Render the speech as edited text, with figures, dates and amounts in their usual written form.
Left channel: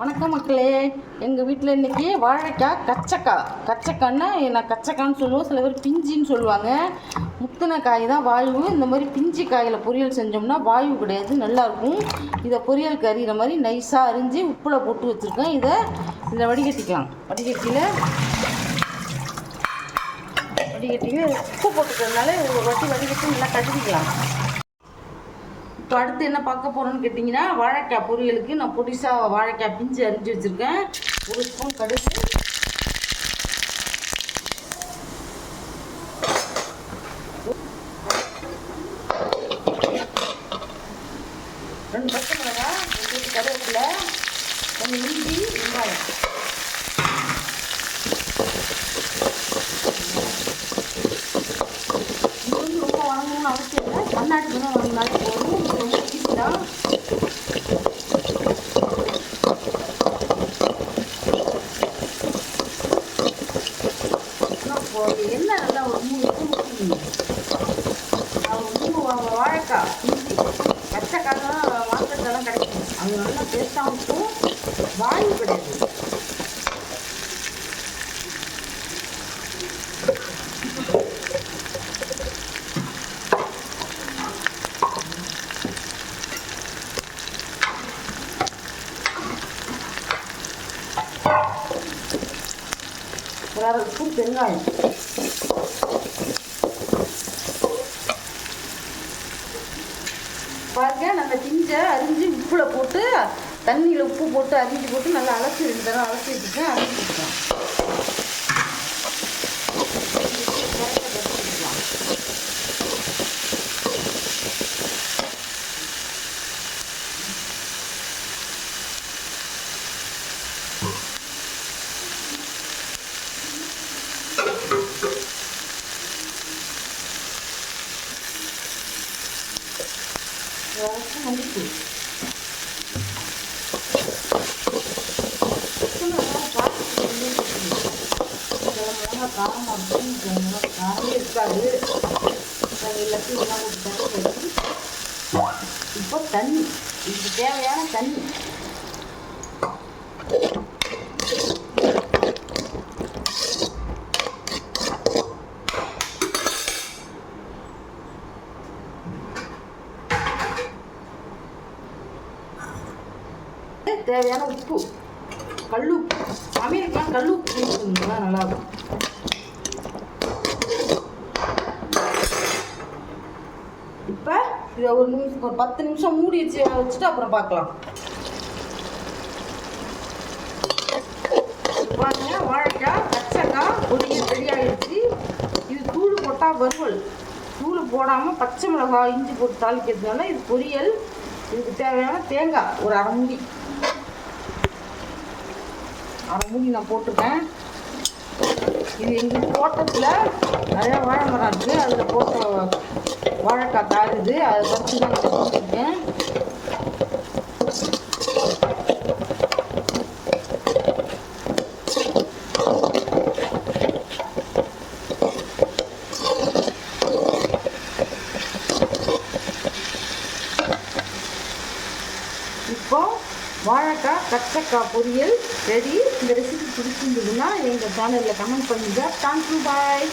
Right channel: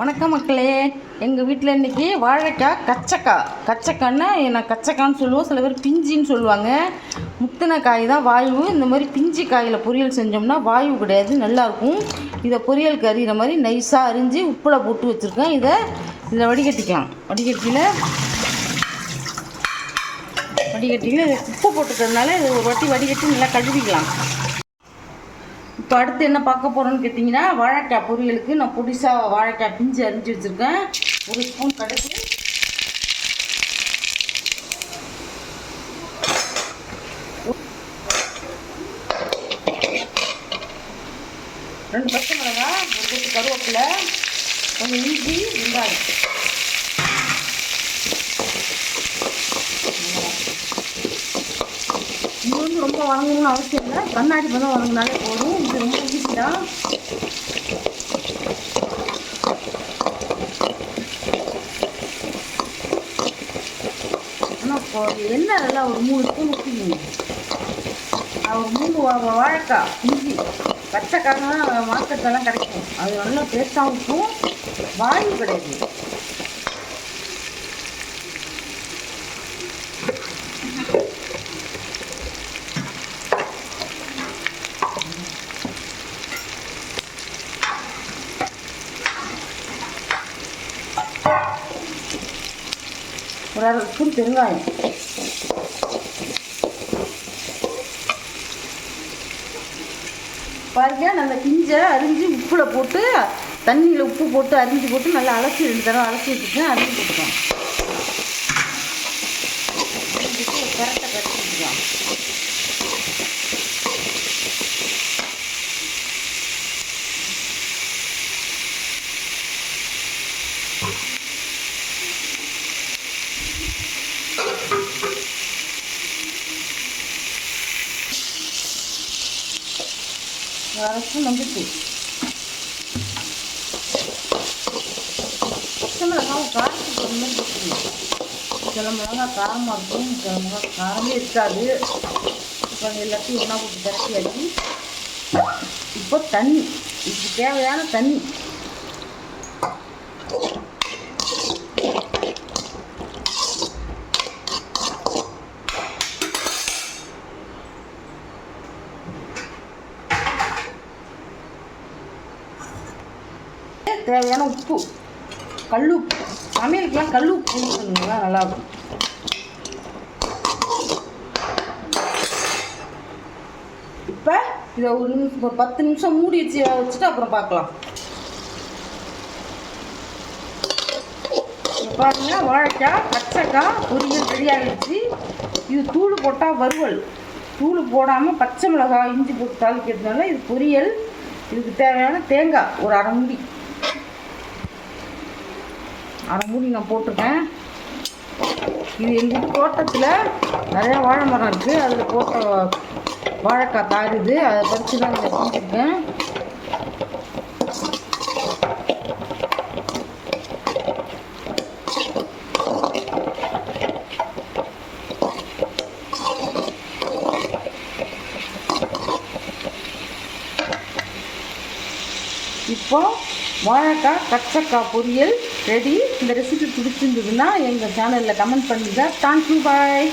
வணக்கம் மக்களே. எங்கள் வீட்டில் இன்றைக்கி வாழைக்காய் கச்சக்காய்னா நான் கச்சக்கான்னு சொல்லுவோம், சில பேர் பிஞ்சின்னு சொல்லுவாங்க. முத்தின காய் தான் வாயு. இந்த மாதிரி பிஞ்சு காயில் பொரியல் செஞ்சோம்னா வாயு கிடையாது, நல்லாயிருக்கும். இதை பொரியல் கறிகிற மாதிரி நைஸாக அரிஞ்சு உப்பில் போட்டு வச்சுருக்கேன். இதில் வடிகட்டிக்கலாம். வடிகட்டிங்க உப்பு போட்டுக்கிறதுனால ஒரு வாட்டி வடிகட்டி நல்லா கழுவிக்கலாம். இப்போ அடுத்து என்ன பார்க்க போகிறோன்னு கேட்டிங்கன்னா, வாழைக்காய் பொரியலுக்கு நான் பொடிசாக வாழைக்காய் பிஞ்சு அரிஞ்சு வச்சுருக்கேன். ஒரு ஸ்பூன் கடுகு, 2 பச்சை மிளகாய், 1 கருவேப்பிலை, கொஞ்சம் இஞ்சி, வெங்காயம். இது வந்து ரொம்ப வணங்கணும்னு அவசியம் இல்லை, கண்ணாடி பண்ண வணங்கினாலே போதும். இது ரொம்ப ஈஸி தான். ஆனால் எண்ணெய் நல்லா ஒரு 3 ஸ்பூன் ஊற்றிக்கணும். ஒரு 3 வாழைக்காய் இஞ்சி கச்சக்காய்லாம் மார்க்கெட்டெல்லாம் கிடைக்கும். அது நல்லா டேஸ்ட்டாகவும் இருக்கும், வாயு கிடையாது. ஒரு 1/2 ஸ்பூன் பெருங்காயம், பாருங்க. நல்ல கிஞ்சை அரிஞ்சு உப்பில் போட்டு, தண்ணியில் உப்பு போட்டு அரிஞ்சு போட்டு நல்லா அலசி 2 தடவை அலசி வச்சுருக்கேன். அரிஞ்சு வச்சுக்கலாம். கரெக்டாக கட்டிக்கலாம். அரைச்சி மஞ்சள் பச்சை மிளகாய் சில மிளகாய் காரமாக இருக்கும், சில மிளகாய் காரமே இருக்காது. எல்லாத்தையும் ஒன்றா போட்டு தட்டி இப்போ தண்ணி, இதுக்கு தேவையான தண்ணி. தேவையான உப்பு, கல்லுப்பு. சமையலுக்கெல்லாம் கல்லுப்பு போட்டுருந்தீங்களா நல்லாயிருக்கும். இப்போ இதை ஒரு 10 நிமிஷம் மூடி வச்சுட்டு அப்புறம் பார்க்கலாம். பாருங்க, வாழைக்காய் கச்சக்காய் பொரியல் ரெடியாகிடுச்சு. இது தூள் போட்டால் வறுவல், தூள் போடாமல் பச்சை மிளகாய் இஞ்சி போட்டு தாளிக்கிறதுனால இது பொரியல். இதுக்கு தேவையான தேங்காய் ஒரு அரை மூடி நான் போட்டிருக்கேன். இது எங்கள் தோட்டத்தில் நிறையா வாழை மரம் இருக்குது, அதில் போட்ட வாழைக்காய் காயுது, அதை பறித்து தான் நான் போட்டிருக்கேன். இப்போ வாழைக்காய் கச்சக்காய் பொரியல் ரெடி. இந்த ரெசிபி பிடிச்சிருந்ததுன்னா எங்கள் சேனலில் கமெண்ட் பண்ணுங்கள். தேங்க்யூ, பாய்.